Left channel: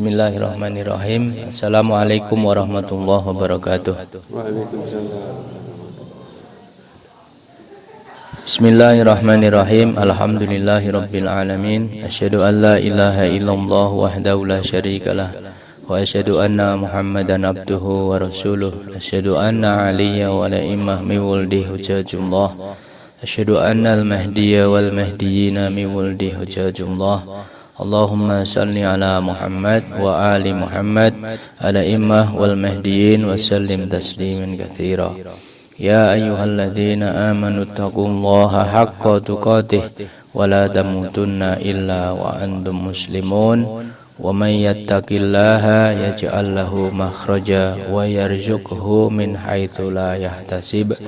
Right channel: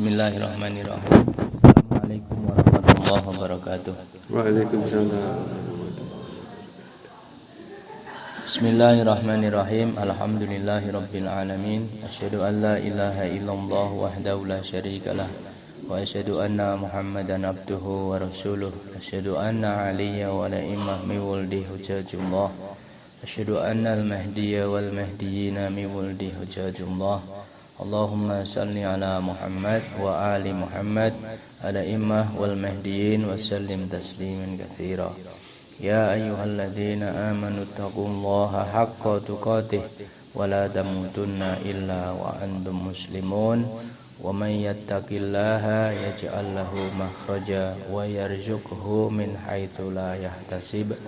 Bismillahirrahmanirrahim. Assalamualaikum warahmatullahi wabarakatuh. Waalaikumsalam. Bismillahirrahmanirrahim. Alhamdulillahirabbil alamin. Asyhadu an la ilaha illallah wahdahu la syarikalah wa asyhadu anna Muhammadan abduhu wa rasuluh. Asyhadu anna aliyya wa la imah min wuldi hujajullah. Asyhadu anna al-mahdiyya wal mahdiyina min wuldi hujajullah. Allahumma salli ala Muhammad wa ali Muhammad ala imah wal mahdiyin wa sallim tasliman katsira. Ya ayyuhalladzina amanu taqullaha haqqa tuqatih wa la tamutunna illa wa antum muslimun. Wa may yattaqillaha yaj'al lahu makhraja wa yarzuqhu min haitsu la yahtasib.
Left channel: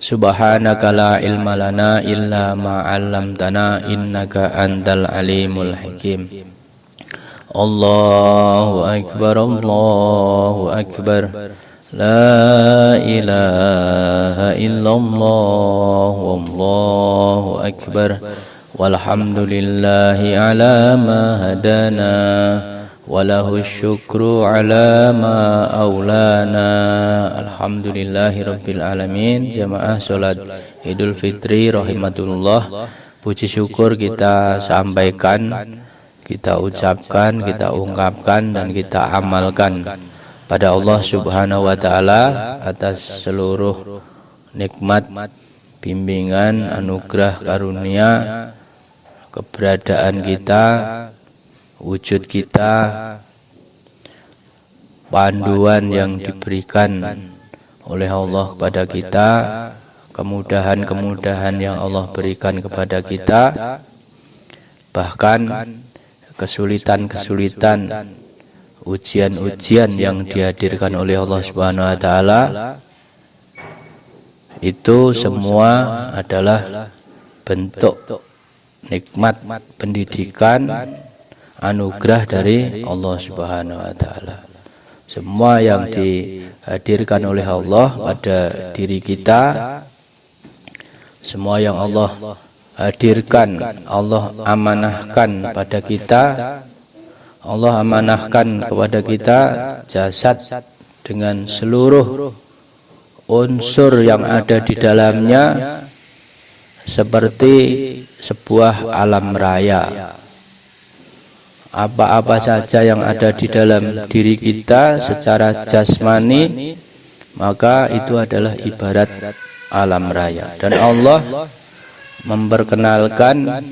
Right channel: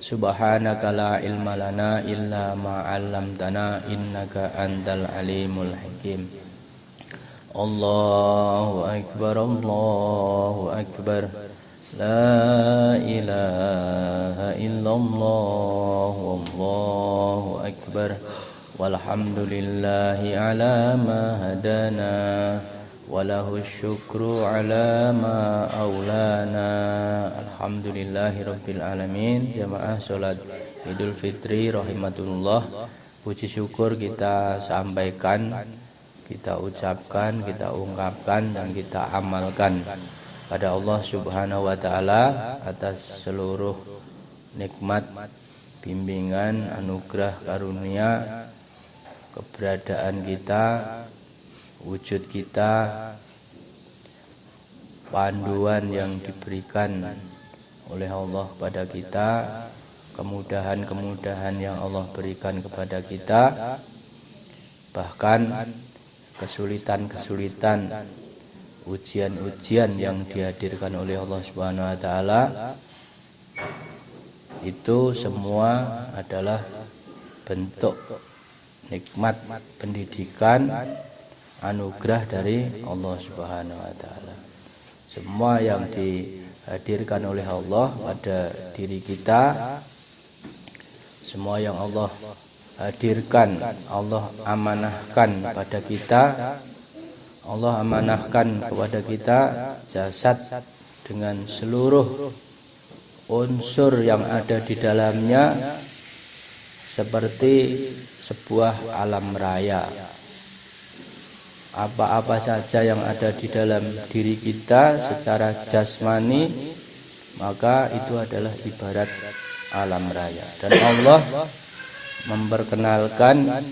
Subhanaka la ilma lana illa ma 'allamtana innaka antal alimul hakim. Allahu akbar, Allahu akbar. La ilaha illallah, wallahu akbar. Walhamdulillahi ala ma hadana, walahu syukru ala ma aulana. Alhamdulillahi rabbil alamin. Jamaah sholat Idul Fitri rahimatullah. Puji syukur kita sampaikan, kita ucapkan, kita ungkapkan, dan kita amalkan pada Allah subhanahu wa ta'ala atas seluruh nikmat, bimbingan, anugerah, karunia, keberadaan kita, wujud kita, panduan yang diberikan oleh Allah kepada kita, kemudahan-kemudahan yang Allah berikan kepada kita, bahkan kesulitan-kesulitan, ujian-ujian yang dihadirkan oleh Allah Subhanahu wa taala, itu semua adalah bentuk nikmat pendidikan, anugerah dari Allah Subhanahu wa taala. Semua yang dihadirkan oleh Allah pada diri kita, semua yang Allah hadirkan, Allah amanahkan pada kita, Allah amanahkan kepada kita jasad dengan seluruh unsur yang ada di dalamnya seperti sebuah alam raya. Apa-apa saja yang ada di dalam diri kita secara jasmani, maka itu adalah ibarat alam raya. Dan Allah memperkenalkan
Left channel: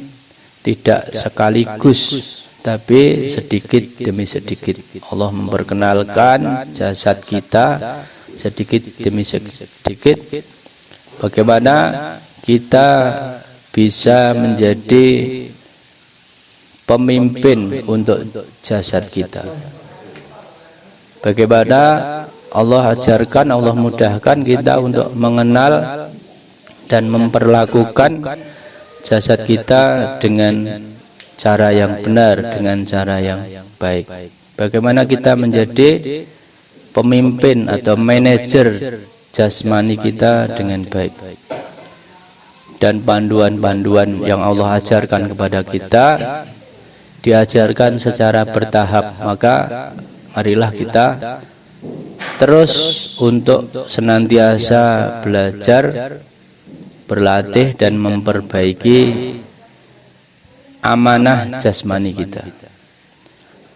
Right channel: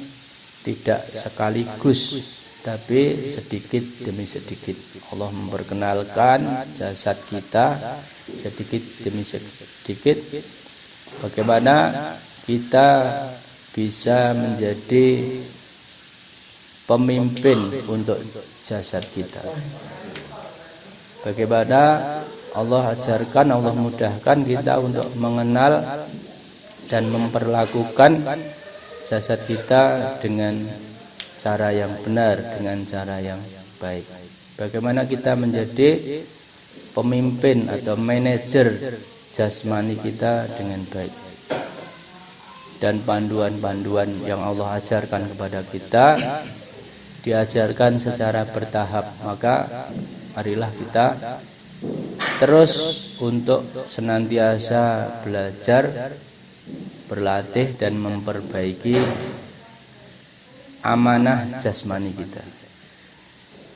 tidak sekaligus, tapi sedikit demi sedikit. Allah memperkenalkan jasad kita sedikit demi sedikit, bagaimana kita bisa menjadi pemimpin untuk jasad kita. Bagaimana Allah ajarkan, Allah mudahkan kita untuk mengenal dan memperlakukan jasad kita dengan cara yang benar, dengan cara yang baik. Bagaimana kita menjadi pemimpin atau manajer jasmani kita dengan baik. Dan panduan-panduan yang Allah ajarkan kepada kita diajarkan secara bertahap. Maka marilah kita terus untuk senantiasa belajar, berlatih, dan memperbaiki amanah jasmani kita.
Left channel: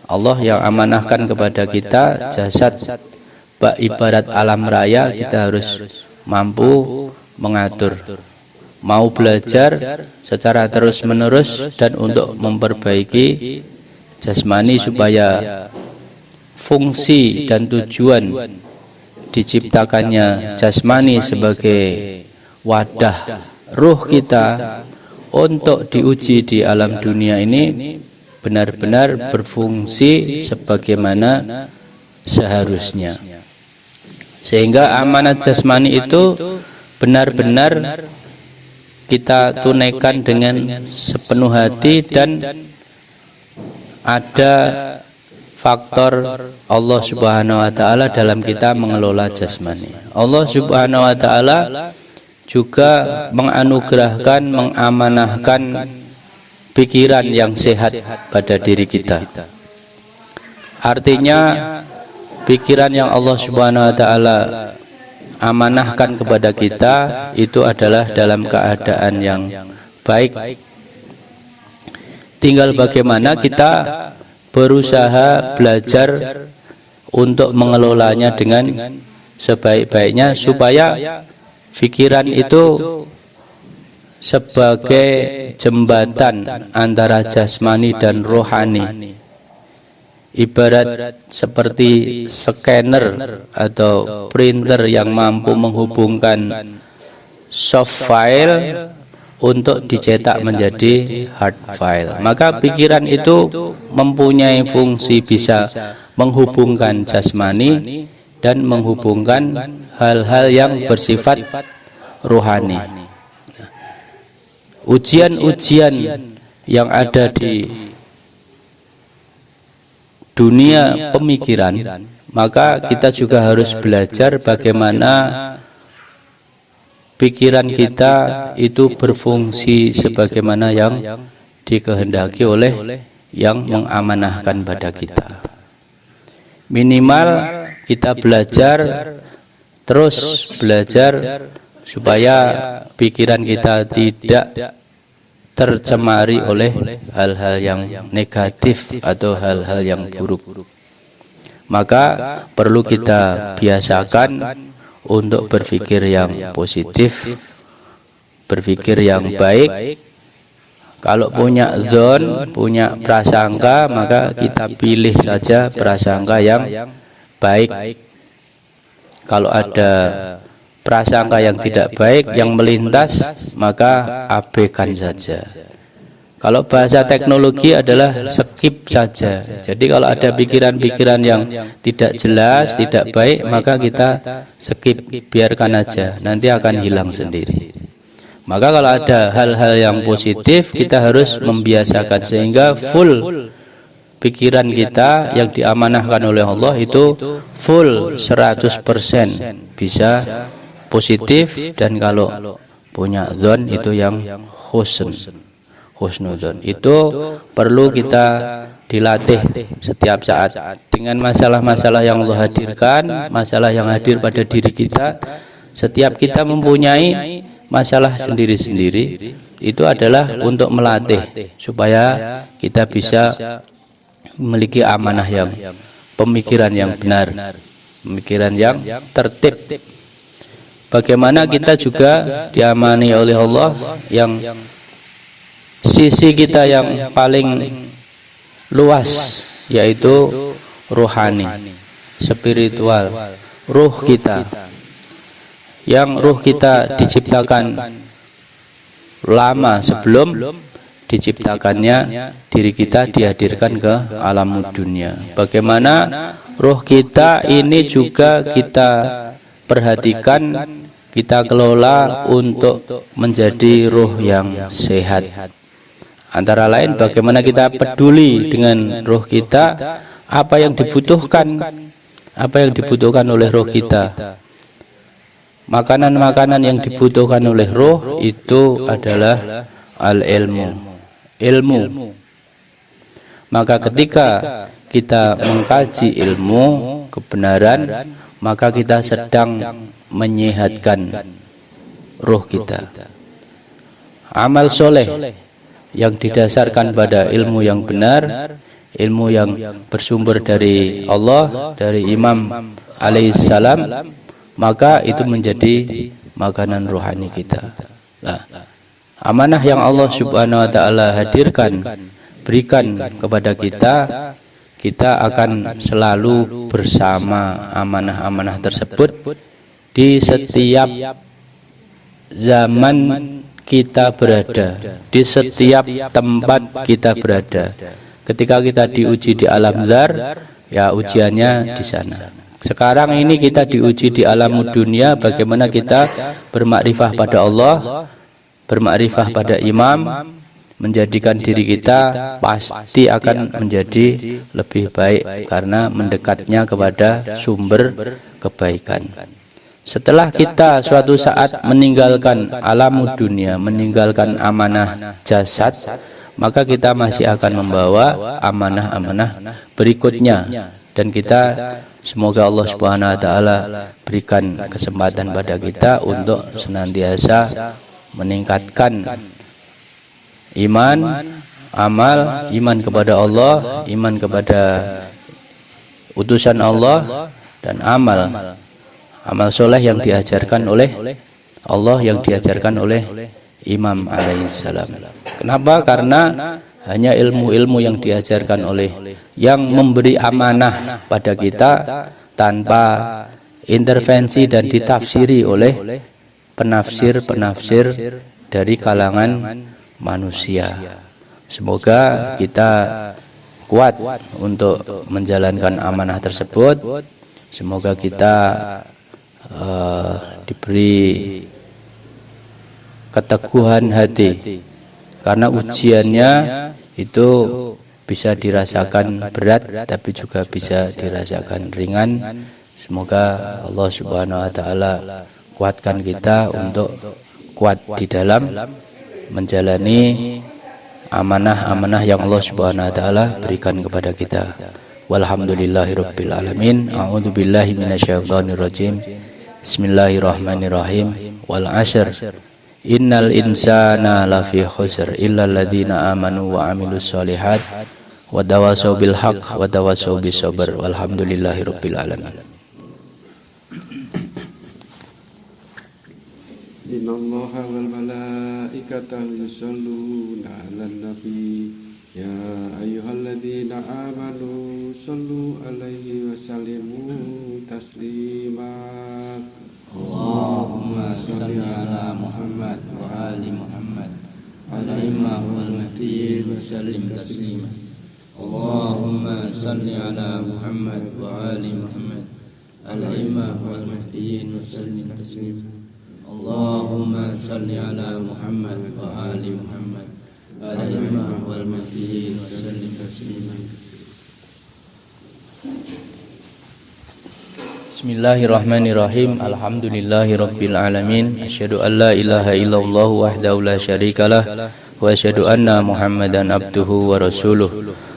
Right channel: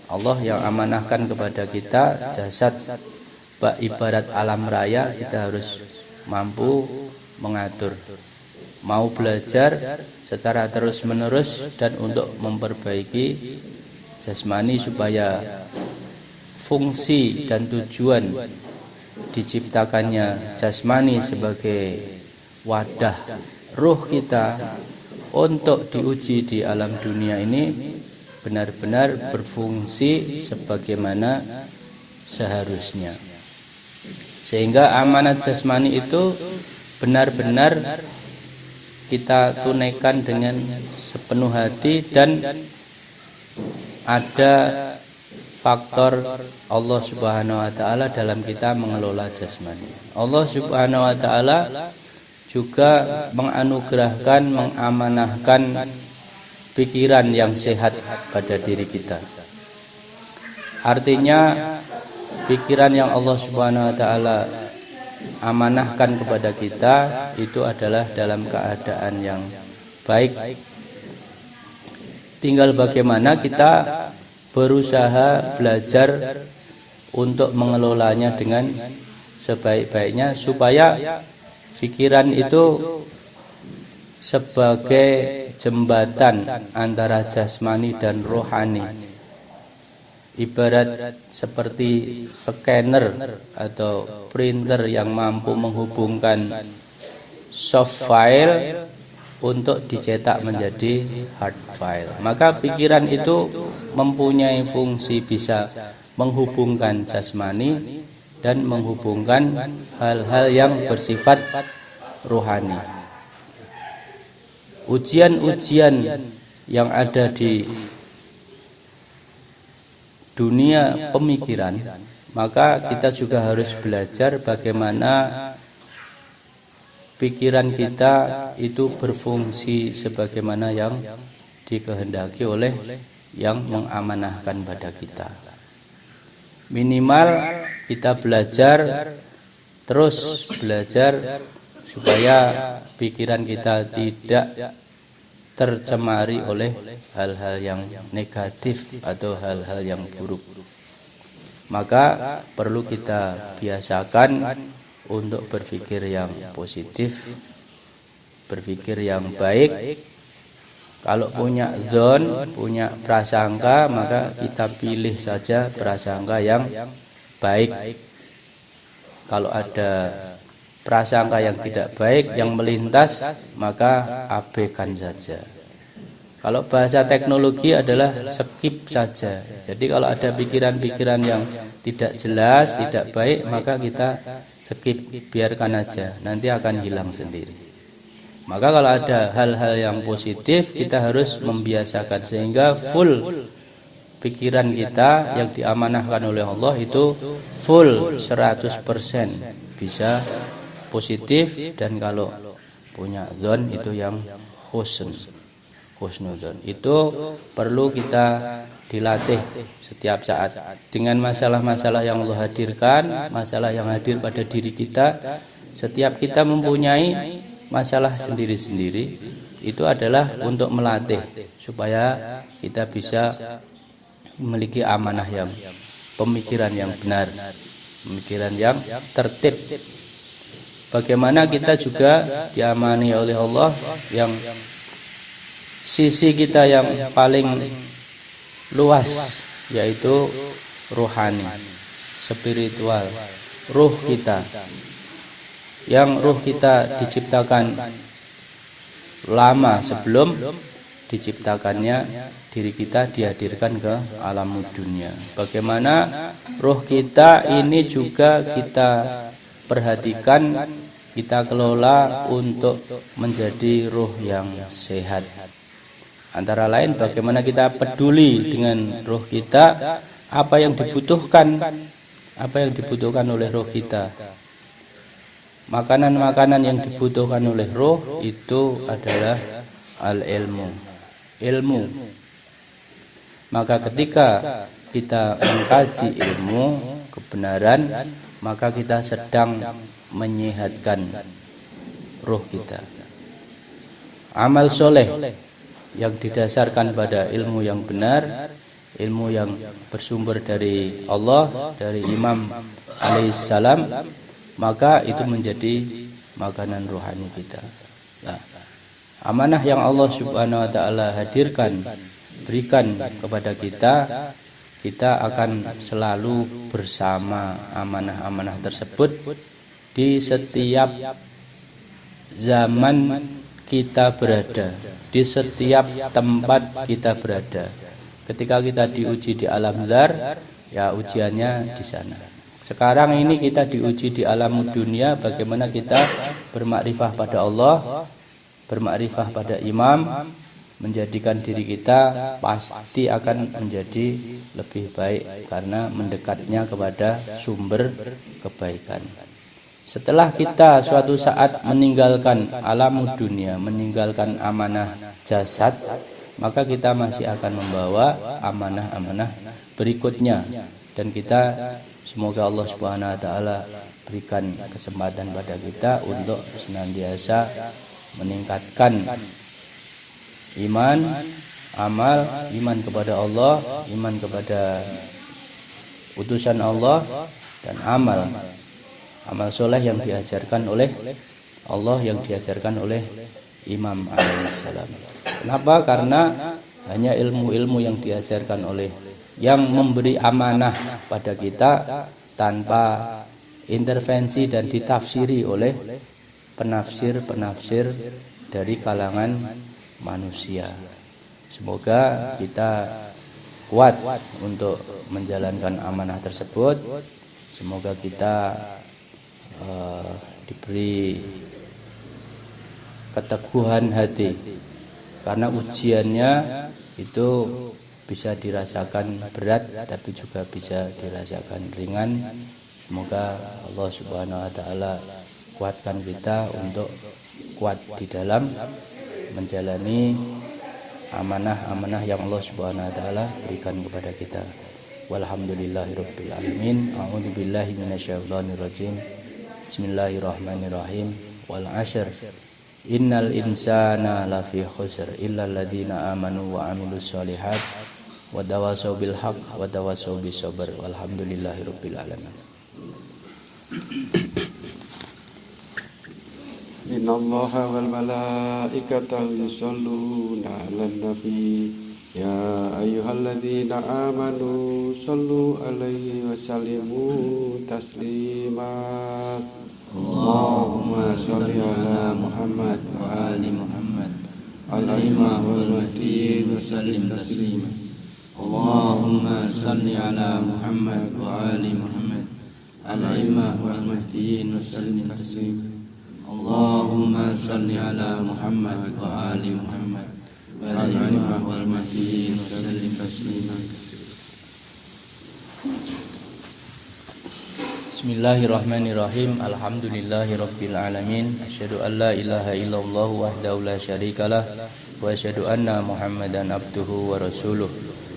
Allah yang amanahkan kepada kita jasad ibarat alam raya, kita harus mampu mengatur, mau belajar secara terus menerus dan untuk memperbaiki jasmani supaya fungsi dan tujuan diciptakannya jasmani sebagai wadah ruh kita untuk diuji di alam dunia ini benar-benar berfungsi sebagaimana seharusnya, sehingga amanat jasmani itu benar-benar kita tunaikan dengan sepenuh hati, dan ada faktor Allah Subhanahu wa taala dalam kita mengelola jasmani. Allah Subhanahu wa taala juga menganugerahkan, mengamanahkan pikiran yang sehat pada diri kita. Artinya pikiran yang Allah Subhanahu wa taala amanahkan kepada kita itu adalah dalam keadaan yang baik. Tinggal bagaimana kita berusaha belajar untuk mengelolanya dengan sebaik-baiknya supaya pikiran itu sebagai jembatan antara jasmani dan rohani. Ibarat seperti scanner atau printer yang mampu menghubungkan soft file untuk dicetak menjadi hard file. Maka pikiran itu mempunyai fungsi bisa menghubungkan jasmani dan menghubungkan hal-hal yang bersifat rohani. Ujian-ujian yang ada di dunia pemikiran, maka kita juga harus belajar bagaimana pikiran kita itu berfungsi sebagaimana yang dikehendaki oleh yang mengamanahkan pada kita. Minimal kita belajar, terus belajar supaya pikiran kita tidak tercemari oleh hal-hal yang negatif atau hal-hal yang buruk. Maka perlu kita biasakan untuk berpikir yang positif, berpikir yang baik. Kalau punya zon, punya prasangka, maka kita pilih saja prasangka yang baik. Kalau ada prasangka yang tidak baik yang melintas, maka abaikan saja. Kalau bahasa teknologi adalah skip saja. Jadi kalau ada pikiran-pikiran yang tidak jelas, tidak baik, maka kita skip, biarkan aja, nanti akan hilang sendiri. Maka kalau ada hal-hal yang positif, kita harus membiasakan sehingga full pikiran kita yang diamanahkan oleh Allah itu full 100% bisa positif, dan kalau punya zon itu yang husnuzon. Itu perlu kita dilatih setiap saat dengan masalah-masalah yang Allah hadirkan, masalah yang hadir pada diri kita. Setiap kita mempunyai masalah sendiri-sendiri, itu adalah untuk melatih supaya kita bisa memiliki amanah yang pemikiran yang benar, pemikiran yang tertib. Bagaimana kita juga diamani oleh Allah yang sisi kita yang paling luas, yaitu rohani, spiritual, ruh kita. Yang ruh kita diciptakan lama sebelum diciptakannya diri kita dihadirkan ke alam dunia. Bagaimana ruh kita ini juga kita perhatikan, kita kelola untuk menjadi ruh yang sehat. Antara lain bagaimana kita peduli dengan roh kita, apa yang dibutuhkan oleh roh kita. Makanan-makanan yang dibutuhkan oleh roh itu adalah ilmu. Maka ketika kita mengkaji ilmu kebenaran, maka kita sedang menyehatkan roh kita. Amal soleh yang didasarkan pada ilmu yang benar, ilmu yang bersumber dari Allah, dari Imam alaihissalam, maka itu menjadi makanan rohani kita. Nah, amanah yang Allah Subhanahu wa taala hadirkan, berikan kepada kita, kita akan selalu bersama amanah-amanah tersebut di setiap zaman kita berada, di setiap tempat kita berada. Ketika kita diuji di alam zar, ya ujiannya di sana. Sekarang ini kita diuji di alam dunia, bagaimana kita bermakrifah pada Allah, bermakrifah pada imam, menjadikan diri kita pasti akan menjadi lebih baik karena mendekatnya kepada sumber kebaikan. Setelah kita suatu saat meninggalkan alam dunia, meninggalkan amanah jasad, maka kita masih akan membawa amanah-amanah berikutnya, Dan kita semoga Allah Subhanahu wa taala berikan kesempatan pada kita untuk senantiasa meningkatkan iman, amal, iman kepada Allah, iman kepada utusan Allah, dan amal soleh yang diajarkan oleh Allah, yang diajarkan oleh Imam alaihissalam. Kenapa? Karena hanya ilmu-ilmu yang diajarkan oleh yang memberi amanah pada kita tanpa intervensi dan ditafsiri oleh penafsir-penafsir dari kalangan manusia. Semoga kita kuat untuk menjalankan amanah tersebut. Semoga kita diberi keteguhan hati, karena ujiannya itu bisa dirasakan berat tapi juga bisa dirasakan ringan. Semoga Allah Subhanahu wa taala kuatkan kita untuk kuat di dalam menjalani amanah-amanah yang Allah Subhanahu wa taala berikan kepada kita. Walhamdulillahirabbil alamin. A'udzubillahi minasyaitonirrajim. Bismillahirrahmanirrahim. Wal 'ashr. Innal insana lafi khusr illa alladziina amanu wa 'amilus shalihat wa tawassaw bil haqq wa tawassaw bis sabr. Walhamdulillahirabbil alamin. Innallaha wal malaikata yusholluna 'alan nabi ya ayyuhalladzina amanu shallu 'alaihi wa sallimu taslima. Allahumma shalli 'ala Muhammad wa ali Muhammad al-imam wal mahdi wa sallim taslima. Allahumma shalli 'ala Muhammad wa ali Muhammad al-imam wal mahdi wa sallim taslima. Allahumma salli ala Muhammad wa ali Muhammad al-imam wal mahdiyin wa sallim taslima. Bismillahirrahmanirrahim. Alhamdulillahirabbil alamin. Asyhadu an la ilaha illallah wahdahu la syarikalah wa asyhadu anna Muhammadan abduhu wa rasuluh.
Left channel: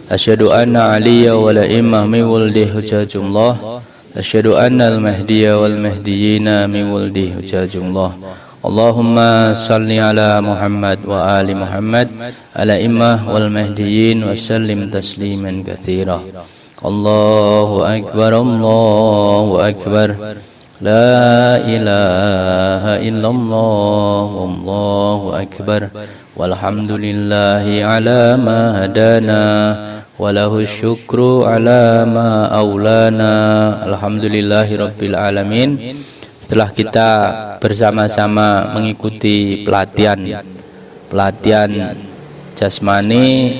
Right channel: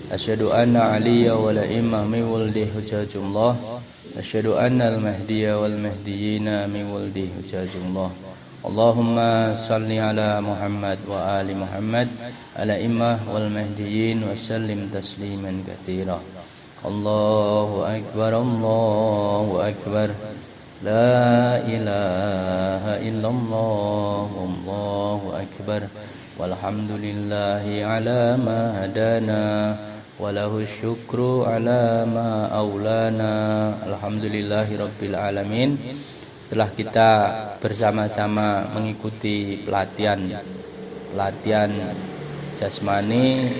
Asyhadu anna aliyya wal imam min waldi hujjatullah. Asyhadu annal mahdiya wal mahdiyina min waldi hujjatullah. Allahumma salli ala Muhammad wa ali Muhammad ala immah wal mahdiyin wa sallim tasliman katsira. Allahu akbar, Allahu akbar. La ilaha illallah, wallahu akbar. Walhamdulillahi ala ma hadana walahu syukru ala ma aulana. Alhamdulillahirabbil alamin. Setelah kita bersama-sama mengikuti pelatihan jasmani,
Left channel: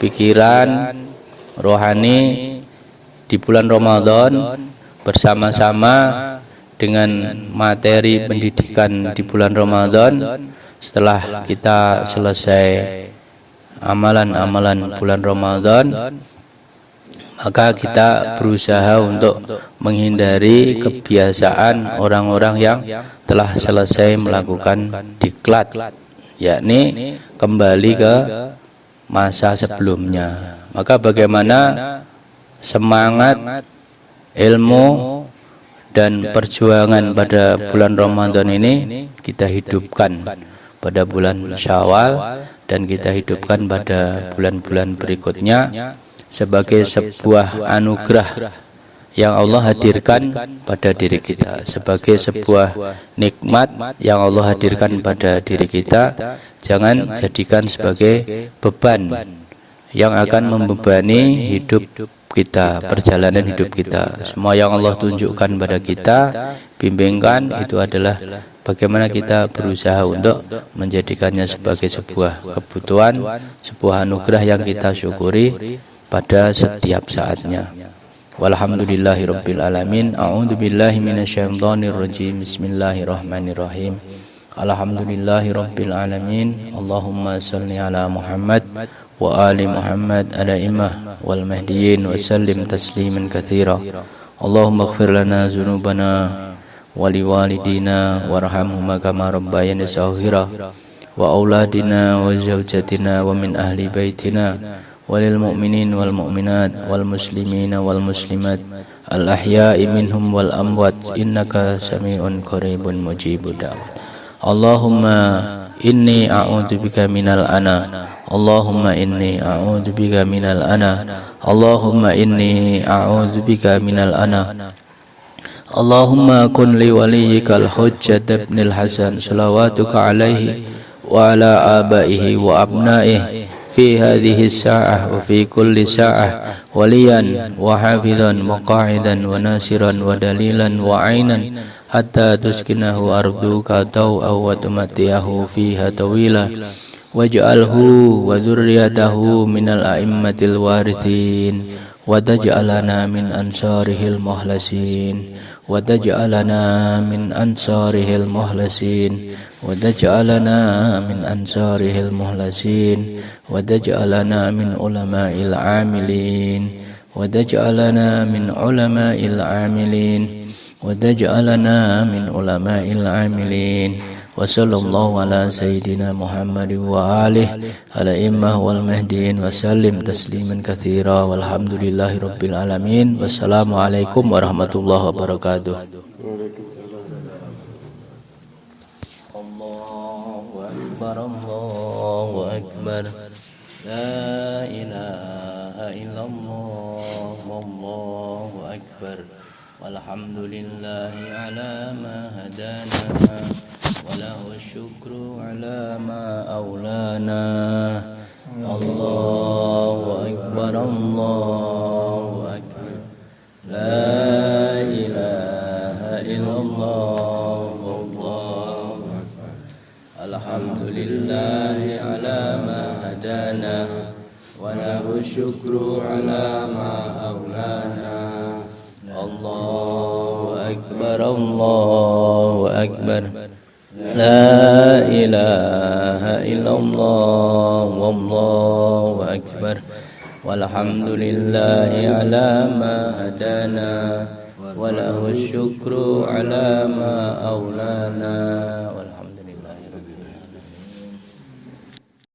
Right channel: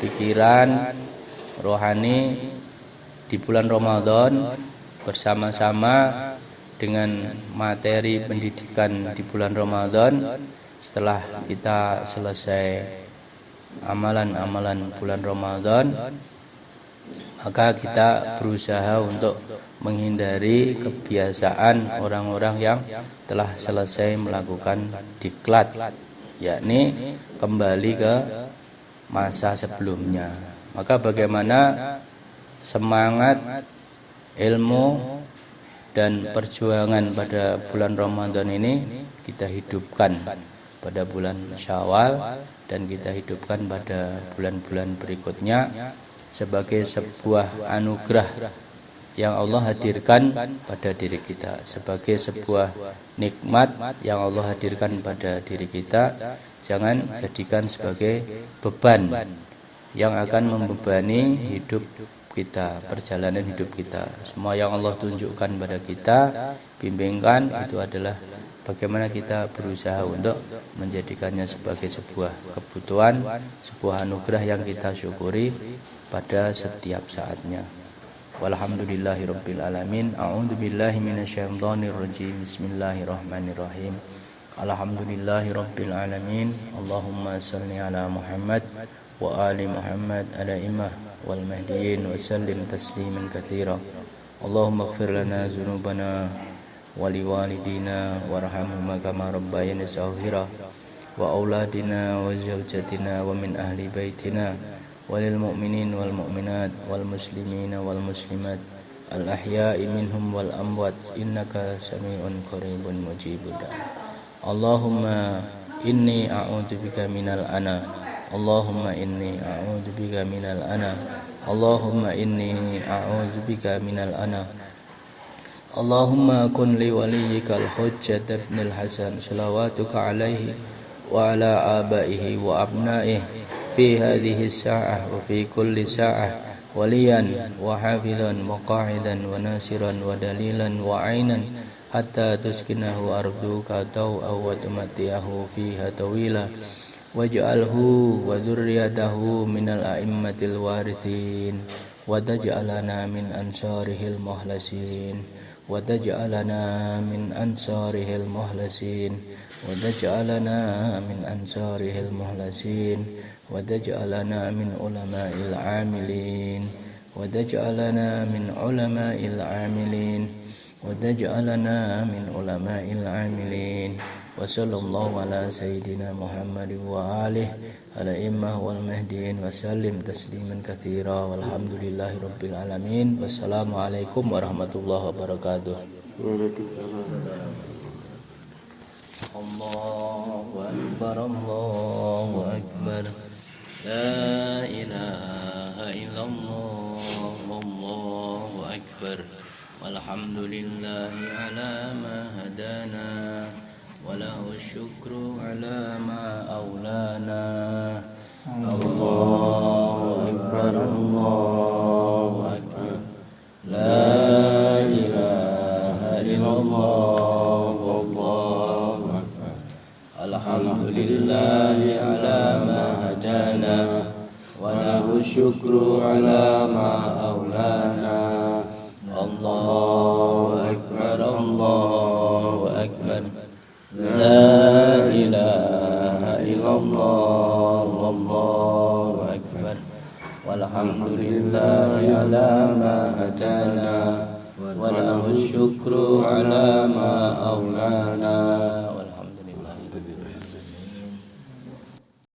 pikiran, rohani di bulan Ramadan, bersama-sama dengan materi pendidikan di bulan Ramadan, setelah kita selesai amalan-amalan bulan Ramadan, maka kita berusaha untuk menghindari kebiasaan orang-orang yang telah selesai melakukan diklat, yakni kembali ke masa sebelumnya. Maka bagaimana semangat ilmu dan perjuangan pada bulan Ramadan ini kita hidupkan pada bulan Syawal, dan kita hidupkan pada bulan-bulan berikutnya sebagai sebuah anugerah yang Allah hadirkan pada diri kita, sebagai sebuah nikmat yang Allah hadirkan pada diri kita. Jangan jadikan sebagai beban yang akan membebani hidup kita, perjalanan hidup kita. Semua yang Allah tunjukkan pada kita, bimbingkan, itu adalah bagaimana kita berusaha untuk menjadikannya sebagai sebuah kebutuhan, sebuah anugerah yang kita syukuri pada setiap saatnya. Walhamdulillahirabbil alamin. A'udzubillahi minasyaitonirrajim. Bismillahirrahmanirrahim. Alhamdulillahirabbil alamin. Allahumma shalli ala Muhammad wa ali Muhammad ala immah wal mahdiyin wa sallim tasliman katsira. Allahumma ighfir lana dzunubana wa liwalidina warhamhuma kama rabbayana shaghira wa auladina wa zawjatina wa min ahli baitina وللمؤمنين والمؤمنات والمسلمين والمسلمات الأحياء منهم والأموات إنك سميع قريب مجيب الدعوات. اللهم إني أعوذ بك من الأنا اللهم إني أعوذ بك من الأنا اللهم إني أعوذ بك من الأنا اللهم كن لوليك الحجة بن الحسن صلواتك عليه وعلى آبائه وأبنائه في هذه الساعة وفي كل ساعة وليا وحافظا وقاعدا وناصرا ودليلا وعينا حتى تسكنه أرضك ضوءا وتمتعه فيها طويلا واجعله وذريته من الأئمة الوارثين وتجعلنا من أنصاره المخلصين وتجعلنا من أنصاره المخلصين وتجعلنا من أنصاره المخلصين وتجعلنا من علماء العاملين وتجعلنا من علماء العاملين وتجعلنا من علماء العاملين وصلى الله على سيدنا محمد وآله الأئمة والمهديين وسلم تسليما كثيرا والحمد لله رب العالمين والسلام عليكم ورحمة الله وبركاته. الله أكبر الله أكبر لا إله إلا الله والله أكبر والحمد لله على ما هدانا وله الشكر على ما أولانا. الله أكبر الله أكبر لا إله إلا الله والله أكبر الحمد لله على ما هدانا وله الشكر على ما أولانا. الله أكبر الله أكبر لا إله إلا الله والله أكبر والحمد لله على ما هدانا وله الشكر على ما أولانا.